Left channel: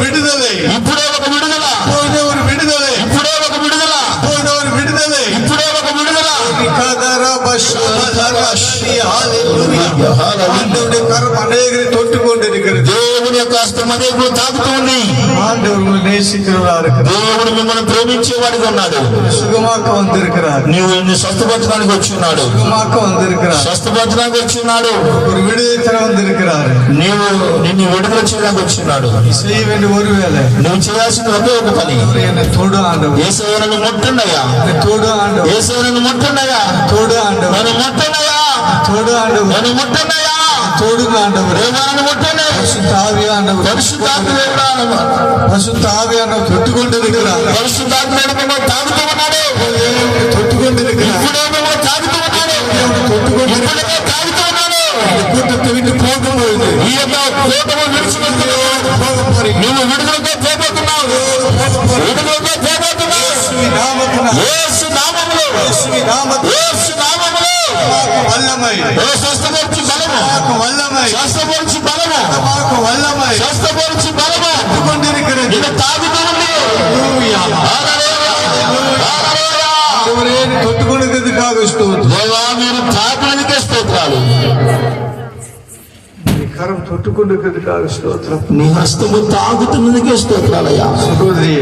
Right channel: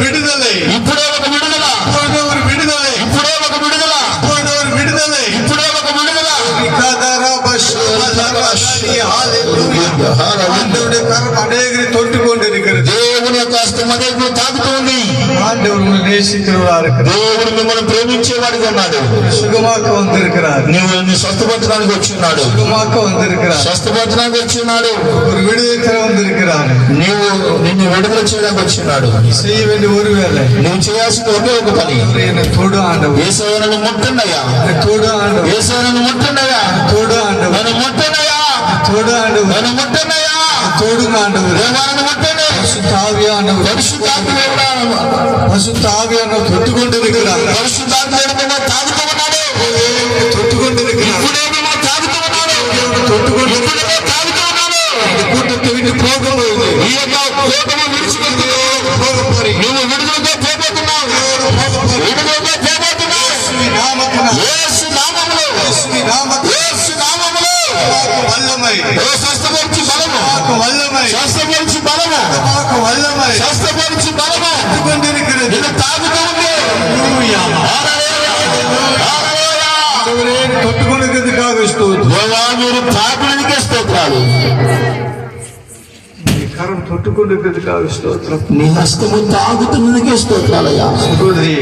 விடுதலை, ఇప్పుడే ఒక విడుదల, இப்பொழுதே ஒரு விடுதலை, ఇప్పుడే ఒక విడుదల, இப்பொழுது ஒரு விடுதலை. ఇప్పుడే ఒక విడుదల. ஆண்டவருடைய கரம் அநேகரை தொட்டு கொண்டிருக்கிறது. దేవుని యొక్క హస్తం అనేకులు తాకుతూ ఉంది. ஆண்டவர் உங்களை நேசிக்கிறவரா இருக்கிறார். దేవుడు మిమ్మల్ని ప్రేమించేవాడిగా ఉన్నాడు. சுகமாக்க வந்திருக்கிறார். నువ్వు స్వస్థపరచడానికి వచ్చి ఉన్నాడు. சுகமாக்க வந்திருக்கிறார். స్వస్థపరచడానికి వచ్చి ఉన్నాడు. ஒரு விடுதலை தர வந்திருக்கிறார். నిన్ను విడుదల చేయడానికి వచ్చి ఉన్నాడు. செய்ய வேண்டிய ஒரு வேலை, నువ్వు చేయాల్సిన ఒకే ఒక పని, என்னை தொடு ஆண்டவர், యేసయ్య నన్ను ముట్టండియా, தொடு ஆண்டவர், యేసయ్య నన్ను ముట్టండియా, தொடு ஆண்டவர், నన్ను ముట్టండియా, தொடு ஆண்டவர், నన్ను ముట్టండియా, தொடுங்க ஆண்டவர். నన్ను ముట్టండి. பரிசுத்தாவியானவர், பரிசுத்தாவியானவர் தொட்டு கொண்டிருக்கிறார். పరిశుద్ధాత్ముడు మిమ్మల్ని తాకుతూ ఉన్నాడు. தொட்டு கொண்டிருக்கிறார். ఇప్పుడే మిమ్మల్ని తాకుతూ ఉన్నాడు. தொட்டு கொண்டு ఇప్పుడే తాకుతూ ఉన్నాడు. இந்த கூட்டத்தை விட்டு போகும்போது ఈ యొక్క కోపము విడిచిపెట్టి నువ్వు విడుదలతో పోబోతున్నావు. విడుదలతో పోబోతున్నావు. యేసు నామములో, యేసు నామములో வல்லமை, స్వస్థపరిచి బలము, வல்லமை, స్వస్థపరిచి బలము, வல்லமை స్వస్థపరిచి బలము கொண்டிருக்கிறது. ఇది తాగుతూ ఉంది. தொட்டு கொண்டிருக்கிறதுக்காக ஸ்தோத்திரம். దేవా మీరు తాకులనికే స్తోత్రాలు. கரம் தொட்டு கொண்டிருக்கிறதுக்காக ஸ்தோத்திரம். నీ హస్తము తాగుతున్నదికే స్తోత్రాలయ్యా. சகோதரி